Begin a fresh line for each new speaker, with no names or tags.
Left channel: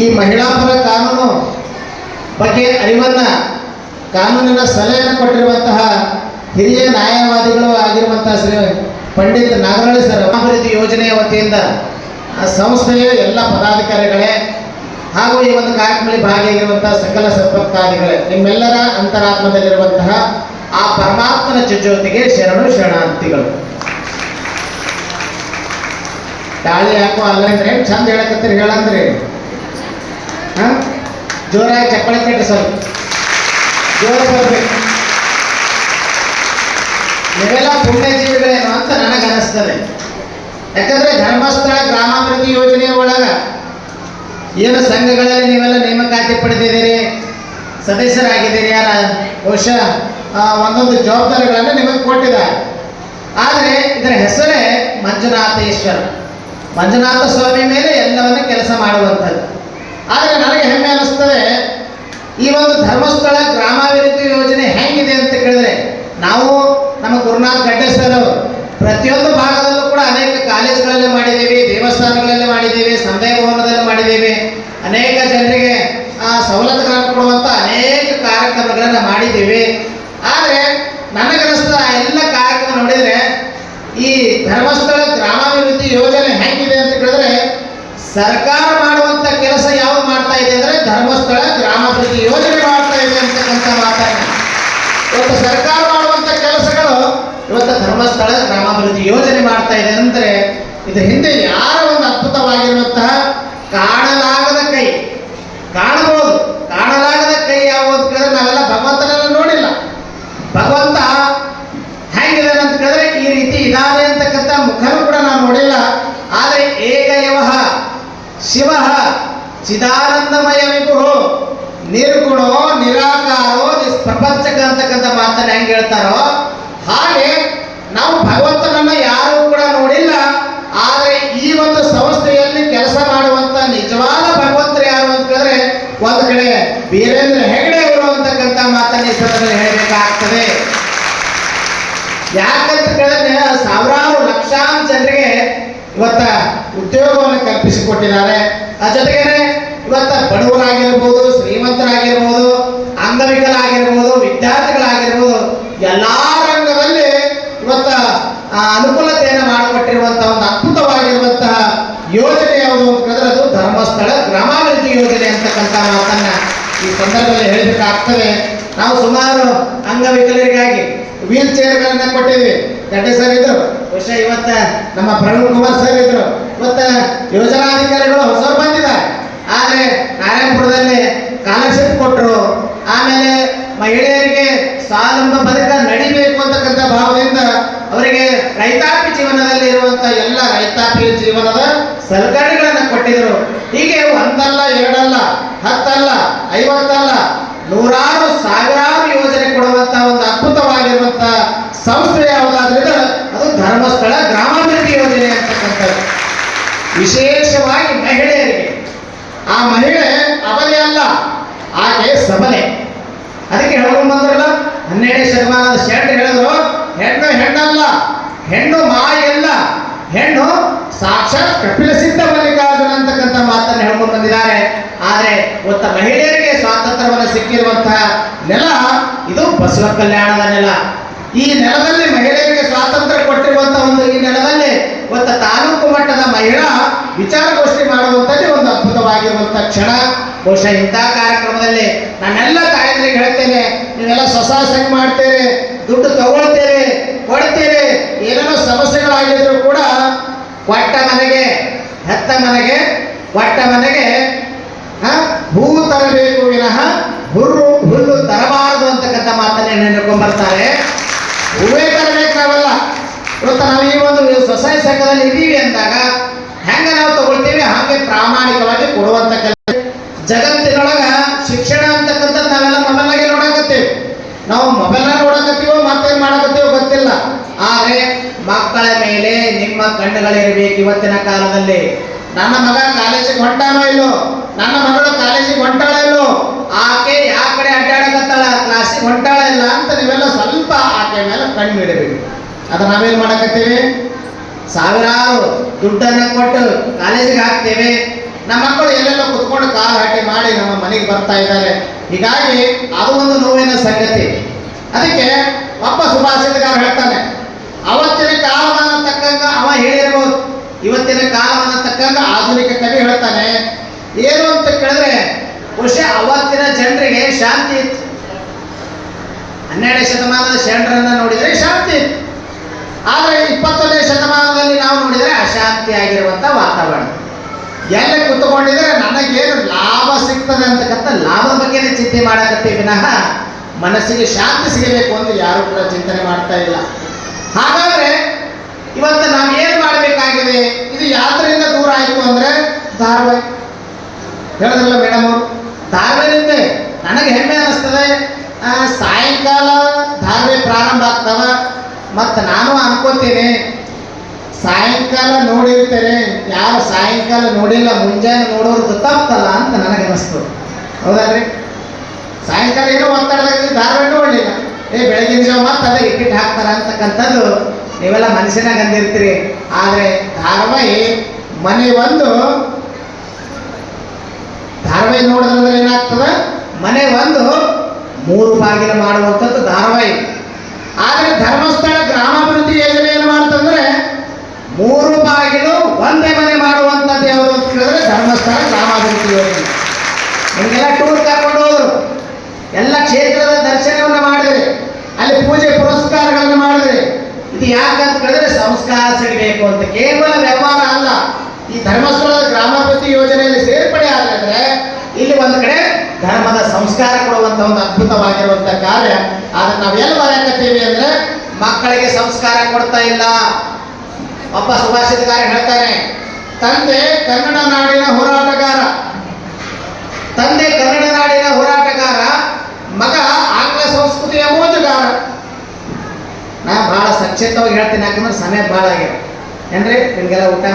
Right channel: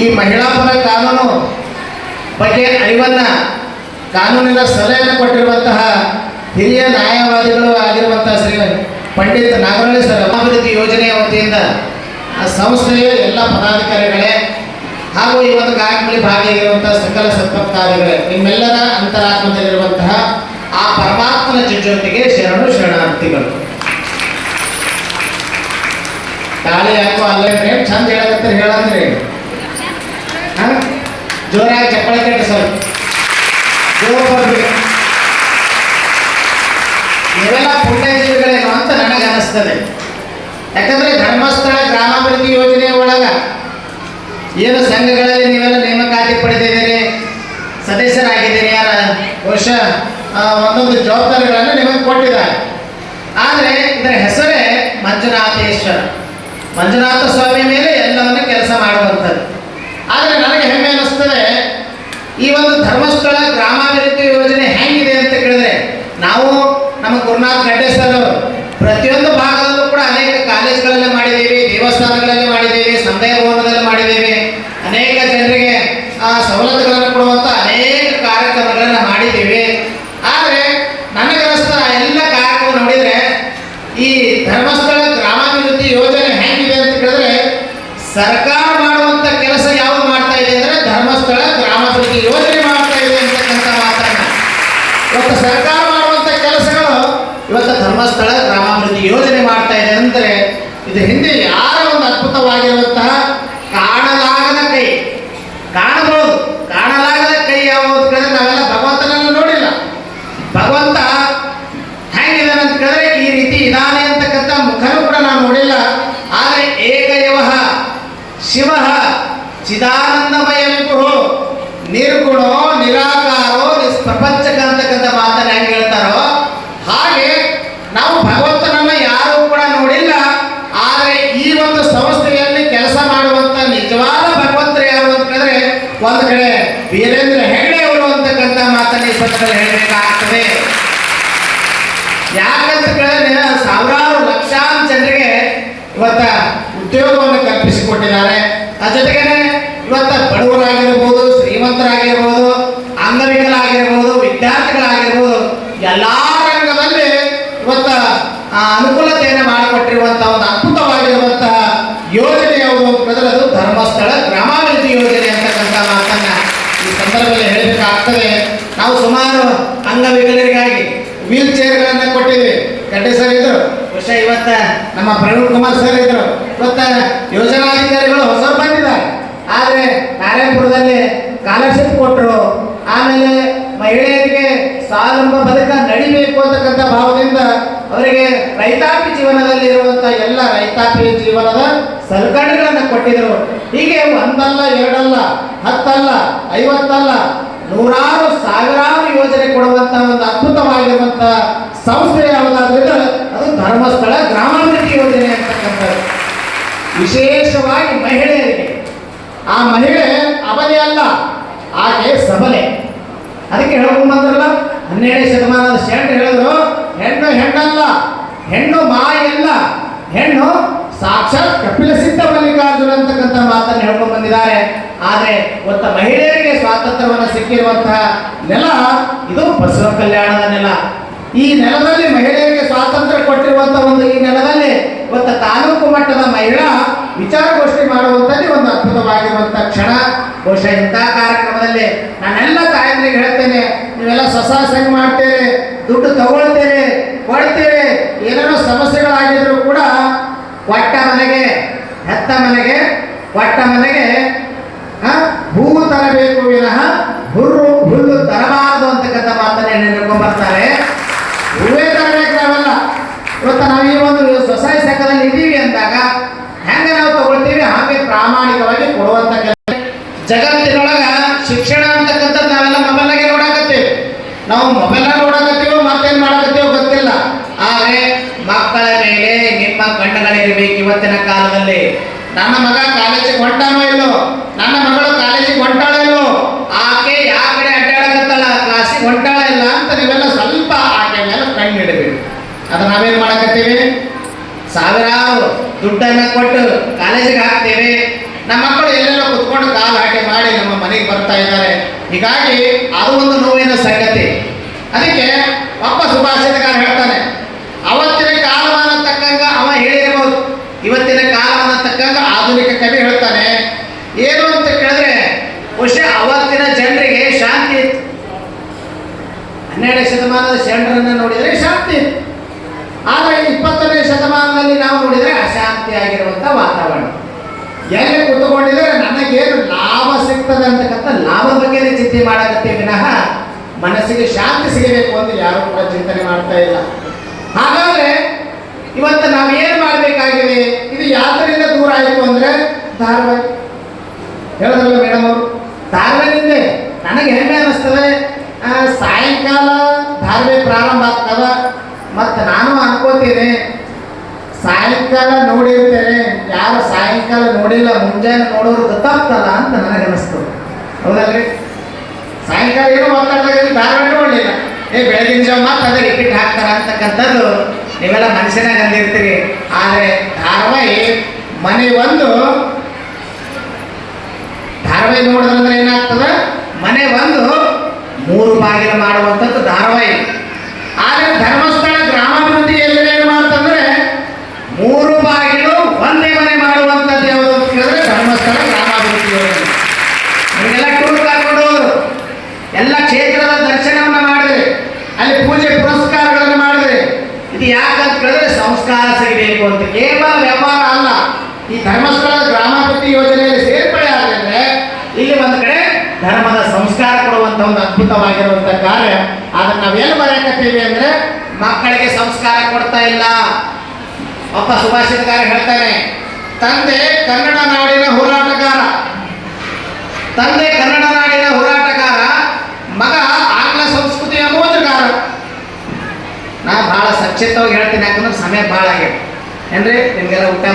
ಈ ಮಹಿಳಾ ಪರ ಕಾನೂನು ಬಗ್ಗೆ ಅರಿವನ್ನು ಕಾನೂನಿನ ಸಲಹೆ ಕೊಟ್ಟಿರುವಂತಹ ಹಿರಿಯ ನ್ಯಾಯವಾದಿಗಳು ಆಗಿರುವಂತಹ ಶ್ರೀ ಪಂಡಿತ್ ನಾಗರಳ್ಳಿ ಸರ್ ಅಭಿವೃದ್ಧಿ ಯೋಜನೆಯ ವತಿಯಿಂದ ಸಂಸ್ಥೆಯ ಎಲ್ಲ ಪದಾಧಿಕಾರಿಗಳೇ ಹಾಗೂ ಈ ಒಂದು ಕಾರ್ಯಕ್ರಮದಲ್ಲಿ ಭಾಗಿಯಾಗಿರುವಂತಹ ಸಕಲ ಸತ್ಪತ್ಕಾರಿಗಳೇ ನಿಮ್ಮೆಲ್ಲರ ಅಂತರಾತ್ಮದಲ್ಲಿರುವಂತಹ ಆ ಪರಮಾತ್ಮನ ಜೊತೆಗೆ ಶರಣು ಶರಣಾರ್ಥಿಗಳು. ಗಾಳಿ ಯಾಕೋ ಅಲ್ಲಂದ್ರೆ ಚಂದ ಹೇಳಕತ್ತಾರೆ, ಹೇಳಂದ್ರೆ. ಜೋರಾಗಿ ಚಪ್ಪಳ ಕಟ್ಟಿ ಸರ್. ನೀವೆಲ್ಲ ಪುಣ್ಯಜೀವಿಗಳೇನೋ ಅಂತ ನನಗೆ ಅನಿಸ್ತದೆ. ಯಾಕಂದ್ರೆ ಧರ್ಮಸ್ಥಳ ಗ್ರಾಮಾಭಿವೃದ್ಧಿ ಯೋಜನೆ ಒಳಗ ಏನು ಸಂಘಗಳಲ್ಲಿ ನೀವೆಲ್ಲ ನೇಮಕಾತಿ ಪಡೆದಿದ್ದೀರಿ? ಸದಸ್ಯರಾಗಿದ್ದೀರಿ ಯಾರ? ವರ್ಷ ಒಂದೊಂದು ಜವಾಬ್ದಾರಿಗಳನ್ನು ನಿಮಗೆ ಕೊಟ್ಟಿದ್ದಾರೆ. ಆದರೆ ಇದರ ಹೆಸರೇ ಮಂಜುನಾಥೇಶ್ವರ. ಮಂಜುನಾಥ ಸ್ವಾಮಿ ಮೇಲೆ ಎಲ್ಲವನ್ನು ಕೆಲಸ ಮಾಡುವಂಥದ್ದು. ಆದರೆ ನನಗೆ ಹೆಮ್ಮೆ ಅನ್ನಿಸ್ತದೆ ಈ ಒಂದು ಧರ್ಮಸ್ಥಳ ಗ್ರಾಮಾಭಿವೃದ್ಧಿ ಯೋಜನೆ ಹೆಂಗಿದೆ ಅಂತ ಕೇಳಿದ್ರೆ, ನಾವು ನಮ್ಮ ಗುರುನಾಥ್ ಗಡ್ಡೆ ಸರ್ ಪ್ರತಿಯೊಂದು ಭಾಗದಲ್ಲೂ ಕೂಡ ಅನೇಕ ಕಾಲೇಜ್ಗಳಲ್ಲಿ ಮಾಡಿದ್ದೀವಿ ದೇವಸ್ಥಾನಗಳಲ್ಲಿ ಮಾಡಿದ್ದೀವಿ ಸಮುದಾಯ ಭವನದಲ್ಲಿ ಮಾಡಿದ್ದೀವಿ ಅನೇಕ ಜನರಿಗೆ ಆ, ಸವಲತ್ತುಗಳನ್ನು ಕೊಡುವಂಥ ಅನೇಕ ಕಾರ್ಯಕ್ರಮಗಳನ್ನು ಮಾಡಿದ್ದೀವಿ ಆದರೆ ನನಗನ್ನಿಸ್ತ ಆ ಎಲ್ಲ ಕಾರ್ಯಕ್ರಮ ನೋಡಿದರೆ ಈ ಧರ್ಮಸ್ಥಳ ಗ್ರಾಮಾಭಿವೃದ್ಧಿ ಯೋಜನೆ ಹೆಂಗಿದೆ ಅಂತ ಕೇಳಿದ್ರೆ ಸರ್ಕಾರ ಮಾಡುವಂತ ಕೆಲಸ ಯಾವುದು ಮಾಡ್ತಾ ಇದೆ ಅಂದ್ರೆ ಧರ್ಮಸ್ಥಳ ಗ್ರಾಮಾಭಿವೃದ್ಧಿ ಯೋಜನೆ ಮಾಡ್ತಾ ಇದೆ ಅಂತಕ್ಕಂಥ ಮಾತನ್ನ ಇವತ್ತು ಸರ್ಕಾರ ಮಾಡುವಂತ ಕೆಲಸಗಳು ಇವತ್ತು ಧರ್ಮಸ್ಥಳ ಗ್ರಾಮಾಭಿವೃದ್ಧಿ ಯೋಜನೆ ಮಾಡ್ತಾ ಇದೆ ಅಂದ್ರೆ ಇದು ಹಿಂದೆ ಯಾರ ಒಂದು ಅದ್ಭುತವಾಗಿರುವಂತಹ ಕಾಣಲಾಗದ ಕೈ. ಕಾಣಬಹುದು. ಕಾಣಲಾಗದ ಕೈ ಯಾವುದು ಕೇಳಿದ್ರೆ ನಾವೆಲ್ಲ ಭಗವಂತನನ್ನು ನೋಡಿಲ್ಲ. ಭಗವಂತ ಹೆಂಗಿದೆ ಅಂತ ಕೇಳಿದ್ರೆ ಈ ರೀತಿ ಇದಾನೆ ಅಂತಕ್ಕಂಥ ಮುಖನೂ ಕೂಡ ನಾವು ನೋಡಿಲ್ಲ. ಆದರೆ ಏಕಯವ ಶಿವ ಚಿದಾನಂದಮಯ ವಿಭು ನಿರ್ಗುಣೋ ನಿರಾಕಾರೋ ನಿಷ್ಪ್ರಪಂಚಕ ಅಂತಕ್ಕಂಥ ಮಾತನ್ನ ಹೆಂಗೆ ಹೇಳ್ತಾರೋ ಹಾಗೆ ನಾವು ಭಗವಂತನನ್ನ ಯಾರೂ ಕೂಡ ನೋಡಿಲ್ಲ ಆದರೆ ಈ ಒಂದು ಸಂಸ್ಥೆಯಲ್ಲಿ ಕೆಲಸ ಮಾಡುವಂತ ನಿಜವಾದ ಭಗವಂತರು ಯಾರು ಅಂತ ಕೇಳಿದ್ರೆ ಒಂದು ಕಡೆ ವೀರೇಂದ್ರ ಹೆಗಡೆ ಅವರು ಅಂತಕ್ಕಂಥ ಮಾತನ್ನು ಈ ಸಂದರ್ಭದಲ್ಲಿ ಹೇಳಬೇಕಾಗ್ತದೆ. ಯಾಕಂತ ಕೇಳಿದ್ರೆ ಸಾವಿರಾರು ಲಕ್ಷಾಂತರ ಜನರಿಗೆ ಇವತ್ತ ಉದ್ಯೋಗವನ್ನು ಕಲ್ಪಿಸಿಕೊಟ್ಟಿದ್ದಾರೆ. ಆ ಜೊತೆಗೇನೆ ಇವತ್ತ ಬಡವರಾಗಿರ್ಬೋದು, ಶ್ರೀಮಂತರಾಗಿರ್ಬೋದು ಅಂಗವಿಕಲಾಗಿರ್ಬೋದು ವಿದ್ಯಾರ್ಥಿಗಳಾಗಿರ್ಬೋದು, ಎಲ್ಲ ರಂಗದಲ್ಲಿ ಇವತ್ತ ಅನುಕೂಲತೆಯನ್ನು ಮಾಡಿಕೊಟ್ಟಿರುವಂತಹ ಒಂದು ಅದ್ಭುತವಾಗಿರುವಂತಹ ಯೋಜನೆ ಯಾವುದು ಅಂತ ಕೇಳಿದ್ರೆ ಅದು ಧರ್ಮಸ್ಥಳ ಗ್ರಾಮಾಭಿವೃದ್ಧಿ ಯೋಜನೆ ಅಂತಕ್ಕಂಥ ಮಾತನ್ನ ಈ ಸಂದರ್ಭದಲ್ಲಿ ಹೇಳಬೇಕಾಗ್ತದೆ ನಾವು ಸುಮಾರು ಅಂಗವಿಕಲರಿಗಾಗಿ ವೀಲ್ ಚೇರ್ಗಳನ್ನ ಕೊಟ್ಟಿವಿ ಗಡ್ಡೆ ಸರ್ ಇದ್ರು, ವರ್ಷ ಇವತ್ತ ನಮ್ಮ ಪ್ರವೀಣ್ ಕುಮಾರ್ ಸರ್ ಇದ್ರು. ಇವತ್ತ ಯೋಜನಾಧಿಕಾರಿಗಳು ಹೊಸ ಬಂದಿದ್ದಾರೆ. ಆದರೆ ನಾರಾಯಣಪುರದಲ್ಲಿ ಸ್ಕಾಲರ್ಶಿಪ್ ಕೊಟ್ಟರು ಆಮೇಲೆ ಮಹಿಳೆಯರಿಗೆ ಸ್ವಾವಲಂಬ ಬದುಕ ನಡಿಬೇಕು ಅಂತಕ್ಕಂಥ ಭಾವದಿಂದ ಅವರಿಗೆ ರೈತಾಪಿ ಜೀವನದಲ್ಲಿ ಇರುವಂತಹ ಎಲ್ಲ ರೈತಾಪಿ ಜೀವನದ ಸಲಕರಣೆಗಳನ್ನು ಕೊಟ್ಟಿದ್ರು. ಹೀಗೆ ಒಂದಲ್ಲ, ಎರಡಲ್ಲ, ಹತ್ತಲ್ಲ, ಐವತ್ತಲ್ಲ, ನೂರಾರು ಸಾವಿರಾರು ಯೋಜನೆ ಕೊಡುವಂತ ಒಂದು ಅದ್ಭುತವಾಗಿರುವಂತ ಸಂಸ್ಥೆ ಯಾವುದಾದ್ರೆ ಅದು ಧರ್ಮಸ್ಥಳ ಗ್ರಾಮಾಭಿವೃದ್ಧಿ ಯೋಜನೆ ಅಂತಕ್ಕಂಥದ್ದು ವಿಶೇಷವಾಗಿ ಮಹಿಳೆಯರಿಗೆ ಆ ಮಹಿಳೆ ಅಬಲೆ ಅಲ್ಲ, ಆಕೆ ಸಬಲೆ ಅದಕ್ಕೆ ಹೇಳ್ಕೊಂಡು ಬಂದ್ರಲ್ಲ ಹನ್ನೆರಡನೇ ಶತಮಾನದ ಶರಣರು ಹೇಳಿದ್ರು, ಹೆಣ್ಣು ಹೆಣ್ಣಲ್ಲ, ಹೆಣ್ಣು ಮಾಯಲ್ಲ ಹೆಣ್ಣು ಸಾಕ್ಷಾತ್ ಕಪಿಲ ಸಿದ್ಧ ಮಲ್ಲಿಕಾರ್ಜುನ ಅಂತಕ್ಕಂಥ ಮಾತನ್ನು ಹೇಳ್ಕೊಂಡು ಬಂದಿದ್ದಾರೆ. ಆದರೆ ಒತ್ತ ಮಹಿಳೆಯರಿಗೆ ಸ್ವಾತಂತ್ರ್ಯವನ್ನು ಸಿಕ್ಕಿರುವಂತಹ ನೆಲ, ಇದು ಬಸವ ಕಲ್ಯಾಣದ ನೆಲ. ಈ ನೆಲದಲ್ಲಿ ಮಹಿಳೆಯರಿಗೆ ಸ್ವಾತಂತ್ರ್ಯ ಕೊಟ್ಟಿರುವಂತಹ ಒಂದು ಈ ನೆಲದಲ್ಲಿ ಒತ್ತ ತಾಲೂಕು ಮಟ್ಟದ ಮಹಿಳಾ ವಿಚಾರಗೋಷ್ಠಿ ಮಾಡುವಂಥದ್ದೇ ಒಂದು ಅದ್ಭುತವಾಗಿರುವಂಥ ಕ್ಷಣ. ಬಹುಶಃ ಇಂಥ ಕಾರ್ಯಕ್ರಮದಲ್ಲಿ ನಾನೆಲ್ಲ ತಾಯಂದ್ರಿಗೆ ಹೇಳ್ತೇನೆ ನೀವೆಲ್ಲ ಸ್ವಸಹಾಯ ಮಾಡ್ತೀರಿ ದುಡ್ಡು ತಗೊಳ್ತೇನೆ ಕೊಡ್ತೀರಿ ಏನೇನೋ ಸಮಸ್ಯೆಗಳಾಗಿದ್ರು ಕೂಡ ಕೊಟ್ಟ ಮನೆಗೆ ಹೆತ್ತ ಮನೆಗೆ ಕೊಟ್ಟ ಮನೆಗೆ ಹ, ಹೂ ತರಬೇಕು ವಿನಃ ಹುಲ್ಲು ಹುಲ್ಲು ತರಬಾರದು ಅಂತಕ್ಕಂಥ ಮಾತನ್ನ ಹೇಳ್ಕೊಂಡ್ಬರ್ತಾರೆ ಬರ್ತಾರೆ ಹೂವೇ ತರಬೇಕು ನಾವೆಲ್ಲ. ಇವತ್ತು ನಾವು ಈ ಒಂದು ಸ್ವಸಹಾಯ ಸಂಘದಲ್ಲಿ ಇದ್ದೀವಿ ಅಂದಾಗ ಹೆಂಗ ನಾವು ತಗೊಳ್ತೀವಿ ಹಾಗೆ ಪ್ರಾಮಾಣಿಕವಾಗಿ ಕೊಡುವಂತ ಜಗತ್ತಿನೊಳಗ ಶಿಕ್ಷಣ ಅಂತಕ್ಕಂಥದ್ದು ನಾವೆಲ್ಲ ಮೊಬೈಲಾಗೆ ನೋಡಕತ್ತೇವೆ ನಾವು ಮೊಬೈಲ್ ನೋಡಕತ್ತೀವೋ ಮತ್ತೇನ್ ಮಾಡಕತ್ತೀವೋ ಗೊತ್ತಿಲ್ಲ. ಆದರೆ ಮಕ್ಕಳ ಮೇಲೆ ನಿಮ್ಮ ಕಣ್ಣುಗಳಿರಬೇಕು ಇವತ್ತಿನ ಕಾಲದಲ್ಲಿ. ನನ್ನ ಮಗ ಕಾಲೇಜಿಗೆ ಹೊಂಟಾನೋ ಇಲ್ಲೋ? ನನ್ನ ಮಗಳು ಕಾಲೇಜಿಗೆ ಹೊಂಟಾಳ ಇಲ್ಲೋ? ಆಕೆ ಯಾವ ಕಡೆ ಅಡ್ಡಾಡಕತ್ತಾಳ? ಕ್ಲಾಸಿಗೆ ಹೊಂಟಾಳ ಇಲ್ಲ ಅಂತ ನೀವೆಲ್ಲ ಸ್ವಲ್ಪ ಆಕೆ ಮೇಲೆ ಕಣ್ಣು ಇಡಬೇಕು. ಅದು ನಾವೇನು ಮಾಡಕತ್ತೀವಿ? ಸಾವಿರಾರು ದುಡ್ಡನ್ನ ಕೊಟ್ಟು ಕಾಲೇಜಿಗೆ ಹಾಕ್ತೇವೆ. ನಮ್ಮ ಮಕ್ಕಳು ಎಲ್ಲೆಲ್ಲೋ ಕುತ್ಕೊಂಡು ಕಾಲು ಹಾಕಿ ಮಾಡಿ ನಮ್ಮ ಮನೆಗೆ ಬರ್ತಾ ಇದ್ದಾರೆ. ಹೀಗಾಗಿ ಅದು ಒಂದು ನೋವಿನ ಸಂಗತಿ. ಅದಕ್ಕೆ ಒಬ್ಬ ಸುಭಾಷಿತಗಾರ ಹೇಳ್ತಾನೆ ಅವತ್ತಿನ ಕಾಲಮಾನ ತಕ್ಕಂಗ ಅವ ಹೇಳಿರ್ಬೋದು ಇವತ್ತಿನ ಕಾಲಮಾನ ತಕ್ಕಂಗ ಆಧುನಿಕ ಕವಿ ಹೇಳ್ತಾನೆ ಏನು ಅಂತ ಕೇಳಿದ್ರೆ ಬಹುಶಃ ಅವತ್ತಿನ ಜನರಿಗೆ ಶಾಂತಿ ಇತ್ತು ಹನ್ನೆರಡನೇ ಶತಮಾನದ ಶರಣರನ್ನ ನೋಡಿದರೆ ಶಾಂತಿ ಇತ್ತು ಆದರೆ ಇಪ್ಪತ್ತನೇ ಶತಮಾನದಲ್ಲಿ ನಾವು ನೋಡಿದರೆ ಅಶಾಂತಿ ಆಗಿರುವಂಥ ವಾತಾವರಣ ಎಲ್ಲಿ ನನಗೆ ಲಾಭ ಸಿಗ್ತದೆ ಅಂತಕ್ಕಂಥ ಲಾಭ ಬಗ್ಗೆ ಚಿಂತೆ ಮಾಡಕತ್ತೀವಿ ವಿನಃ ಮನಸ್ಸಿಗೆ ಶಾಂತಿ ಸಿಗಬೇಕು ಅಂತ ಯಾರು ಕೂಡ ಚಿಂತನೆ ಮಾಡ್ತಾ ಇಲ್ಲ. ಹಾಗಾದ್ರೆ ಇವತ್ತು ನಾವು ಏನ್ ಮಾಡಬೇಕಾಗಿದೆ? ಇದು ಯಾವ್ದರಿಂದ ದೂರ ಆಯಿತು ಅಂದ್ರೆ ಧಾರ್ಮಿಕ ಹೇಳಿದ್ರಲ್ಲ ಮೇಡಮ್ ಅವರು? ನನಗೆ ಹೆಮ್ಮೆ ಅನಿಸ್ತದೆ. ಸಾಯಂಕಾಲ ಧಾರ್ಮಿಕ ಪ್ರಾರಂಭ ಆಗ್ತದ. ಮತ್ತು ನಾನು ಅನ್ಕೋತೀನಿ, ಸಾಯಂಕಾಲ ನೋಡಿರ್ತೇನೆ. ಸಾಯಂಕಾಲ ನೋಡಿಲ್ಲ, ಮುಂಜಾನೆ ನೋಡೋರು ಗೊತ್ತಾಗ್ತಲ್ಲ ಅಂತ ನನಗೆ ಅನಿಸ್ತು ಹೌದಲ್ರಿ ಸಾಯಂಕಾಲ ಏನೋ ಒತ್ತಡದಾಗ ಧಾರವಾಡ ನೋಡಲಿಲ್ಲ ಏ, ಬೆಳಗಿನ ಜಾವ ಮತ್ತೆ ಅದೇ ರಿಪೀಟ್ ಹಾಕ್ತಾರ ಅಂತಕ್ಕಂಥದ್ದು ನೀವೆಲ್ಲ ಮನುಷ್ಯನಾಗ ಅಂದಿರ್ತೀರಿ ಆದರೆ ಧಾರಾವಾಹಿ ಮನೆ ಒಂದು ಧಾರಾವಾಹಿ ನೋಡಿದ್ರೆ ಏನಾಗ್ತದ? ಮನೆ ಒಂದು ಮೂರು ಬಾಗಿಲು ಮಾಡುವಂಥದ್ದು ಧಾರಾವಾಹಿ ಆದರೆ ಧರ್ಮಸ್ಥಳ ಗ್ರಾಮಾಭಿವೃದ್ಧಿ ಯೋಜನೆ ಏನು ಮಾಡ್ತಂದ್ರೆ ಮೂರು ಬಾಗಿಲು ಒಂದೇ ಮನೆ ಮಾಡುವಂಥದ್ದು ಯಾವುದು ಅಂತ ಕೇಳಿದ್ರೆ ಧರ್ಮಸ್ಥಳ ಗ್ರಾಮಾಭಿವೃದ್ಧಿ ಯೋಜನೆ ನಿಮಗೆಲ್ಲ ಟೂರ್ ಕರ್ಕೊಂಡು ಹೋದ್ರು. ಎಲ್ಲ ಕ್ಷೇತ್ರದ ದರ್ಶನವನ್ನು ಮಾಡಿದ್ರಿ ಅಲ್ಲಿ ಪೂಜೆ ಪುರಸ್ಕಾರಗಳನ್ನು ಮಾಡಿದ್ರಿ ಇದು ಯಾಕಂತ ಕೇಳಿದ್ರೆ ಸಂಸ್ಕಾರ ಸಿಗಬೇಕು ಅಂತ ಕೇವಲ ವ್ಯವಹಾರ ಅಲ್ಲ ಈ ಧರ್ಮಸ್ಥಳದ ಗ್ರಾಮಾಭಿವೃದ್ಧಿ ಯೋಜನೆಯಲ್ಲಿ ಸೇರ್ಪಡೆ ಆಗಿದ್ರೆ ಇಲ್ಲಿ ಒಂದು ಕಡೆ ಧರ್ಮದ ಸಂಸ್ಕಾರ ಕೊಡುವಂತ ಒಂದು ಅದ್ಭುತವಾಗಿರುವಂತ ಕಾರ್ಯ. ಅದನ್ನ ನಾವು ಬರಕತ್ತೀವಿ ಅಂದ್ರೆ ಮಕ್ಕಳಿಗೆ ಸಂಸ್ಕಾರ ಕೊಡ್ತಾ ಇಲ್ಲ. ಒಬ್ಬ ಸುಭಾಷಿತಗಾರ ಹೇಳ್ತಾನೆ, ತಂದೆ ಕನ್ನಡ ನಾಡಿನ ಹೋರಾಟಗಾರ. ತಂದೆ ಕನ್ನಡ ನಾಡಿನ ಹೋರಾಟಗಾರ, ಮಗ ಆಂಗ್ಲ ಸಂಸ್ಕೃತಿಯ ಮೋಜುಗಾರ. ನಾ ಬಹಳ ಸಚ್ಚಿತ್ತವಾಗಿ ಹೇಳ್ತೀನಿ, ಯಾಕಂದ್ರೆ ಸಮಯ ಬಹಳ ಆಗಿದೆ. ಏನ್ರಿ? ನಿಮ್ಗೆಲ್ಲ ಊಟ